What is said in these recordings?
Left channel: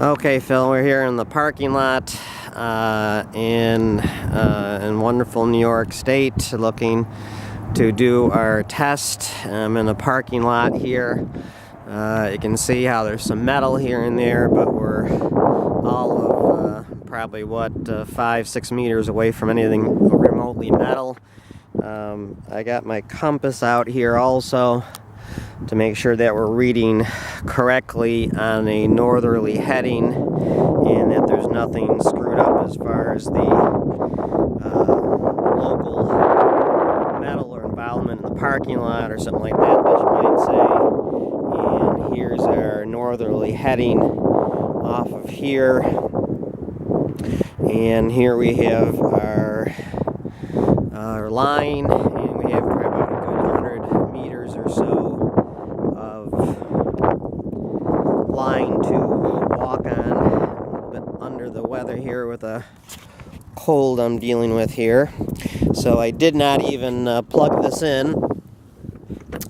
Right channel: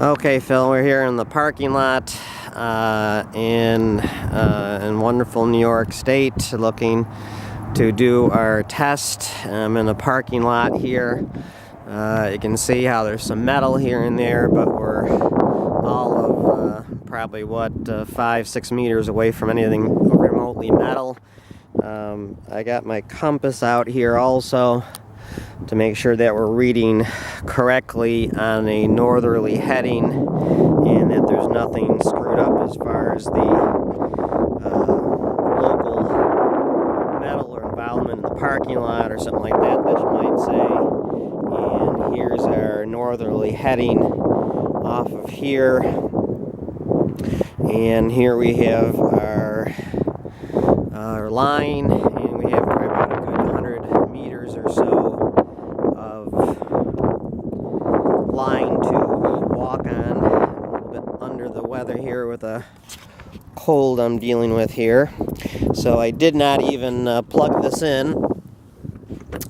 Okay, Phil, we're here in the parking lot in wonderful New York State, looking to do our test. I'm in the parking lot here. You can see how there's some metal here and there, but we're all of probably 5-6 meters away from anything remotely metal. I got my compass out here also to make sure that we're reading correctly on a northerly heading and that there's nothing screwed up as far as the local metal or involvement in the parking lot or something like that you might say. And here's our northerly heading off of here, and here we have our line, and we have probably about a good 100 meters or so of line to walk on. I'm a little bit under the weather here with a cold I'm dealing with here, so I did not even plug this in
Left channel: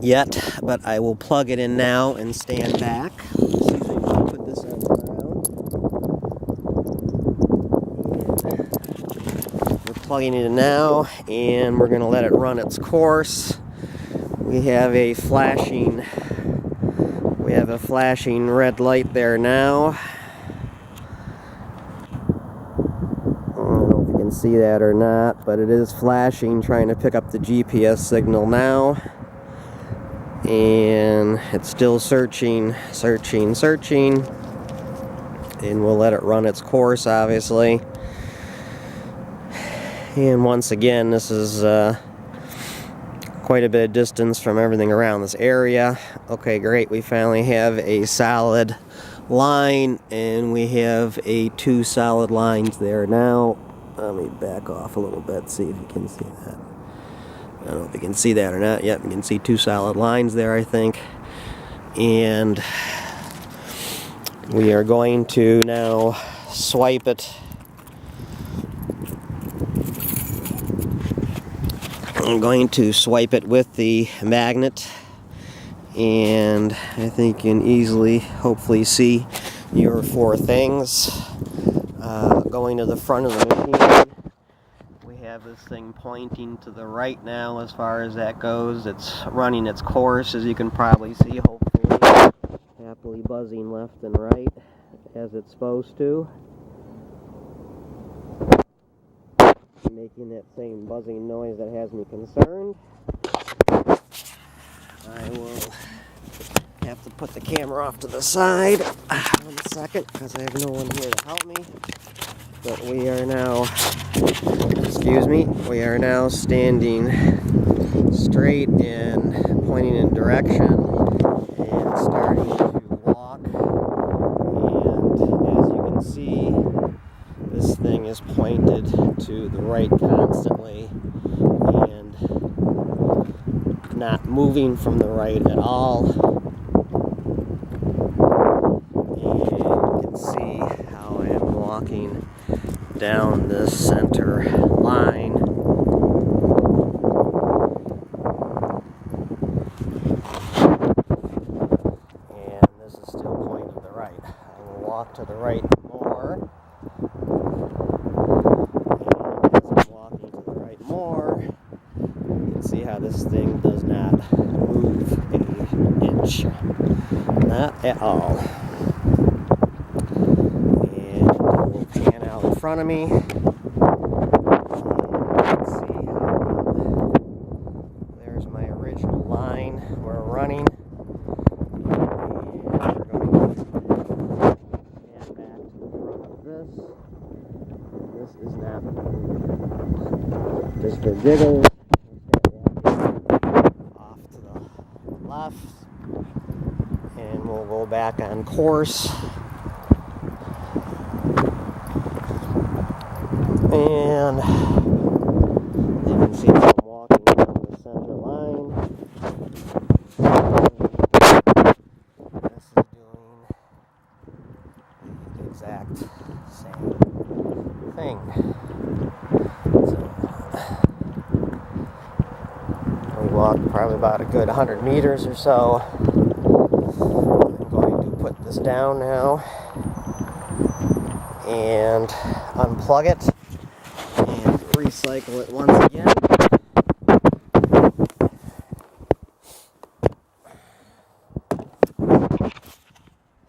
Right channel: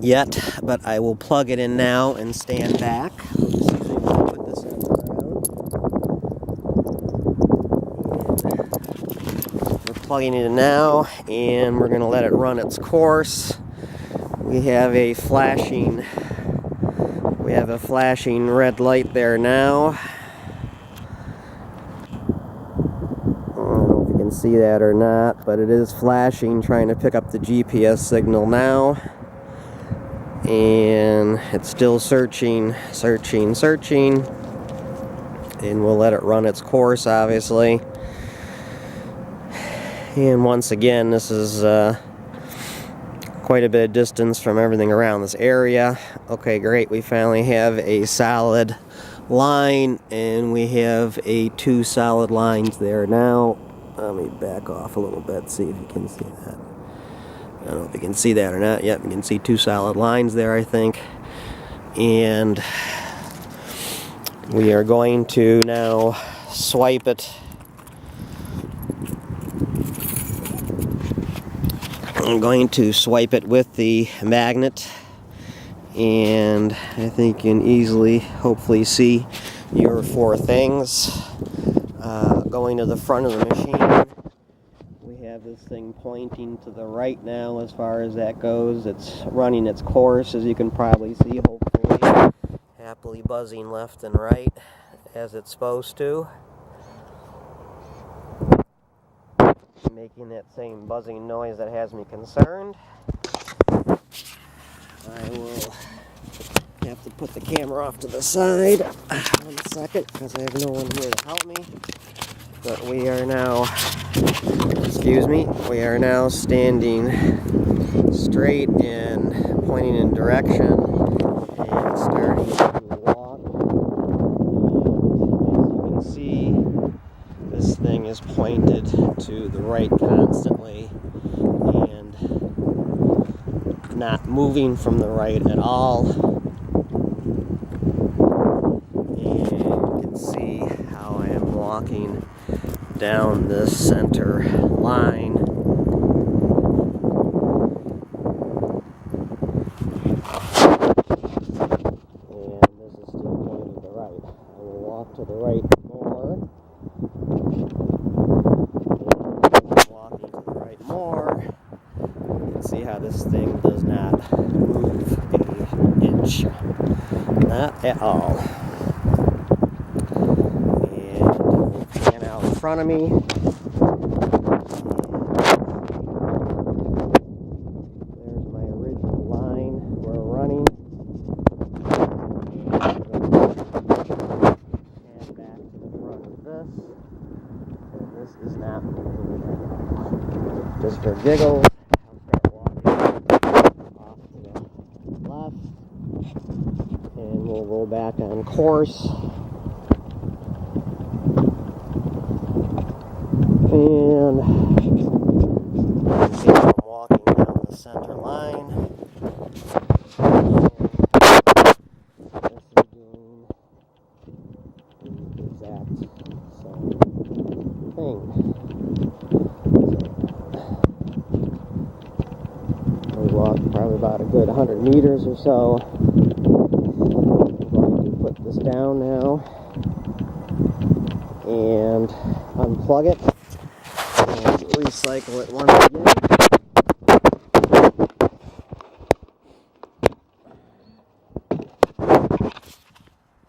yet, but I will plug it in now and stand back. Oops, excuse me, we'll put this on the ground. And we're plugging it in now, and we're going to let it run its course. We have a flashing red light there now. I don't know if you can see that or not, but it is flashing, trying to pick up the GPS signal now. And it's still searching, and we'll let it run its course, obviously. And once again, this is quite a bit of distance from everything around this area. Okay, great, we finally have a solid line, and we have two solid lines there now. Let me back off a little bit, see if you can see that. I don't know if you can see that or not. Yep, you can see two solid lines there, I think. And we are going to now swipe it. I'm going to swipe it with the magnet, and I think you can easily, hopefully, see your four things. Going to the front of the machine, we have this thing pointing to the right now as far as that goes. It's running its course, as you can probably see, hopefully. Happily buzzing left and right as it's supposed to. Making that same buzzing noise that has me concerned. I will have to put the camera off to the side 1 second because I have no one here to help me. But we are now, we are now standing straight and pointing in direction and starting to walk. And as you can see, this thing is pointed to the right constantly and not moving from the right at all. And you can see how I am walking down this center line. And this is still pointed to the right. I will walk to the right more. You can see how this thing does not move an inch. Not at all. And we'll pan out in front of me. And let's see how there's my original line we're running. And we're going to pan back to the front of this. And this is not moving at all. Just for giggles, I'll start walking off to the left, and we'll go back on course. And you can see how I'm walking down the center line. And this is doing the exact same thing. We walked probably about a good 100 meters or so. I'm going to put this down now. and unplug it and recycle it once again.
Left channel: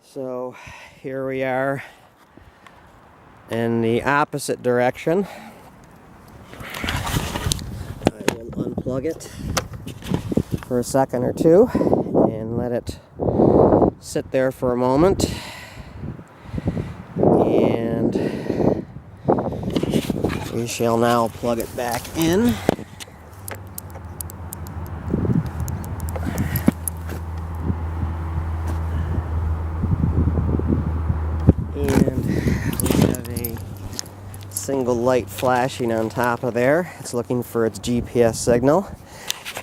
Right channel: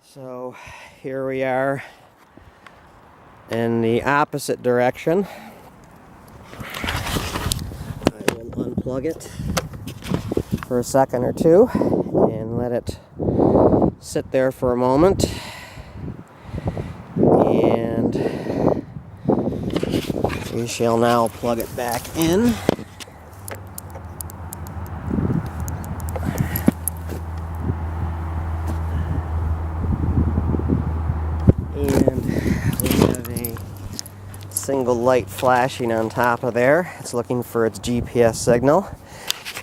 So here we are in the opposite direction. I will unplug it for a second or two and let it sit there for a moment. And we shall now plug it back in. And we have a single light flashing on top of there. It's looking for its GPS signal,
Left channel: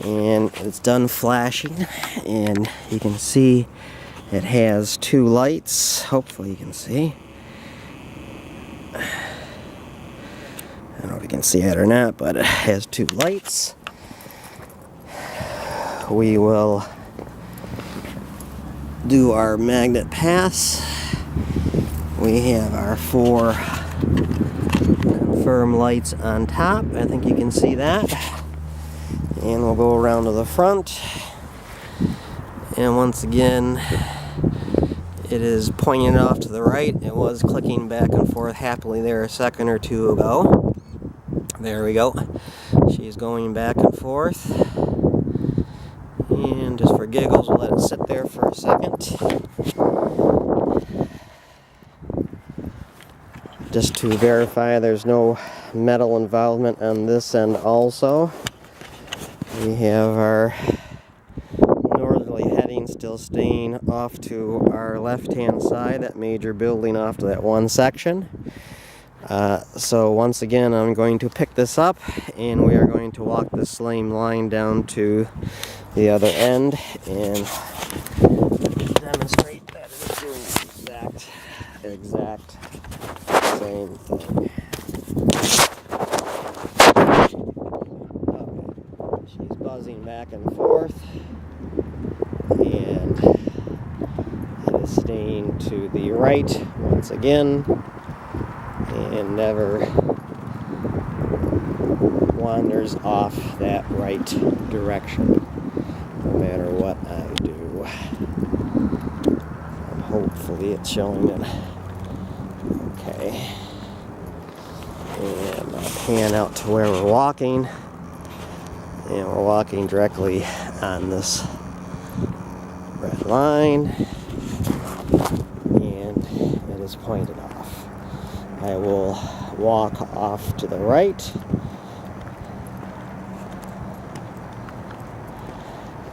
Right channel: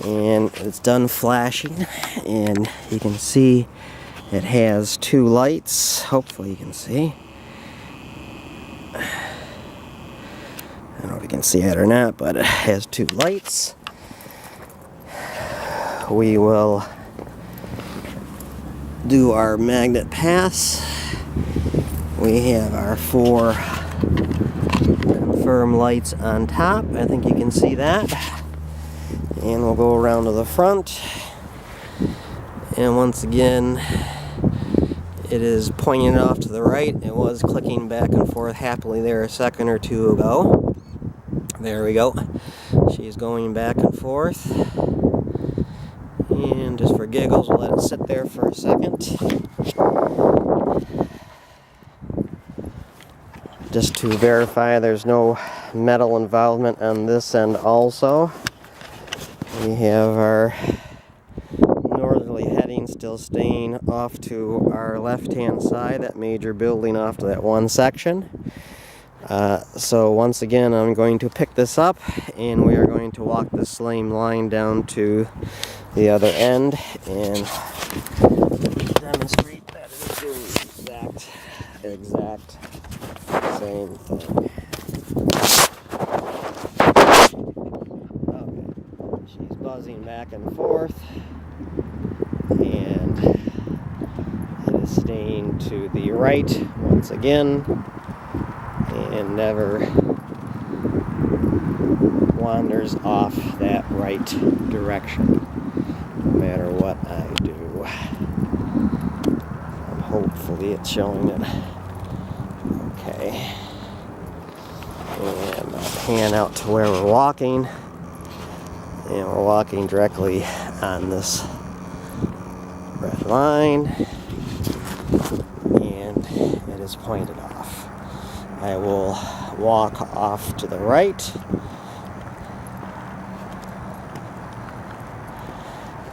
and it's done flashing, and you can see it has two lights. Hopefully you can see. I don't know if you can see it or not, but it has two lights. We will do our magnet pass. We have our 4 confirm lights on top. I think you can see that. And we'll go around to the front. And once again, it is pointing off to the right. It was clicking back and forth happily there a second or two ago. There we go. She's going back and forth. And just for giggles, we'll let it sit there for a second. Just to verify there's no metal involvement on this end also. We have our northerly heading still staying off to our left-hand side, that major building off to that one section. So once again, I'm going to pick this up and we are going to walk this same line down to the other end and demonstrate that it is doing the exact same thing. Okay, she's buzzing back and forth, and it is staying to the right once again, and never wanders off that right direction, no matter what I do. And hopefully it's showing it. Okay, and I'll pan out to where we're walking, and we're walking directly on this red line, and it is pointed off. I will walk off to the right,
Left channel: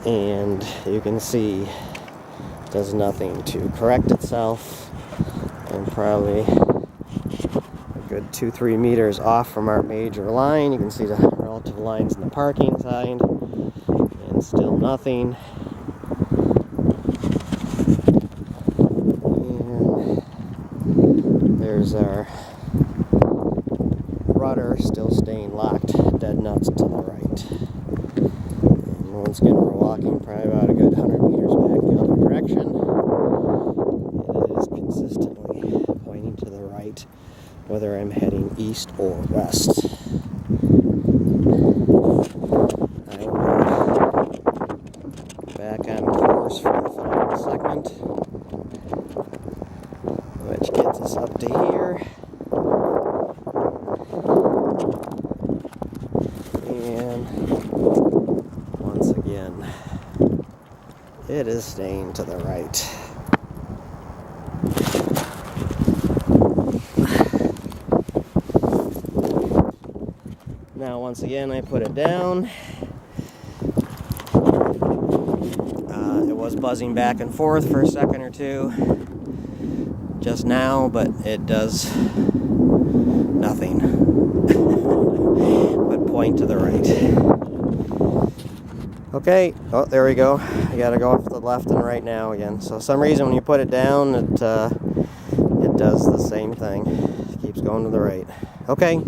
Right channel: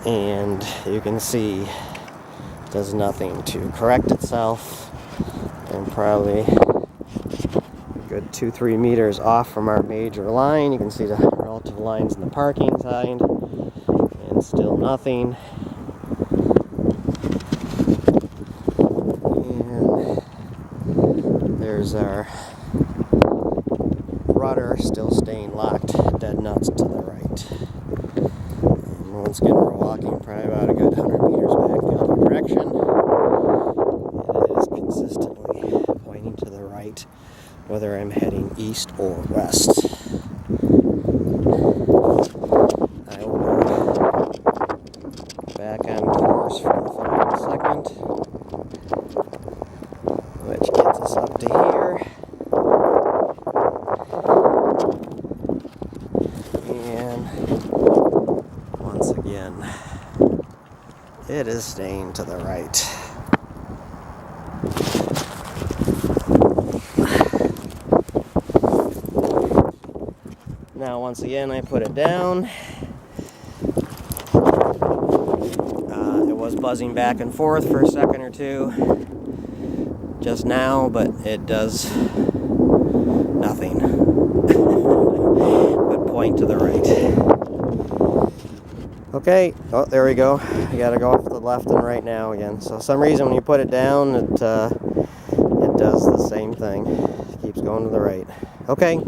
and you can see it does nothing to correct itself, and probably good 2-3 meters off from our major line. You can see the relative lines in the parking side, and still nothing. And there's our rudder still staying locked dead nuts to the right. And once again, we're walking probably about a good 100 meters back the other direction. It is consistently pointing to the right, whether I'm heading east or west. I will go back on course for the final segment, which gets us up to here. And once again, it is staying to the right. Now, once again, I put it down. It was buzzing back and forth for a second or two just now, but it does nothing but point to the right. Okay, oh, there we go. I gotta go off to the left and right now again. So for some reason when you put it down, it does the same thing. It keeps going to the right. Okay.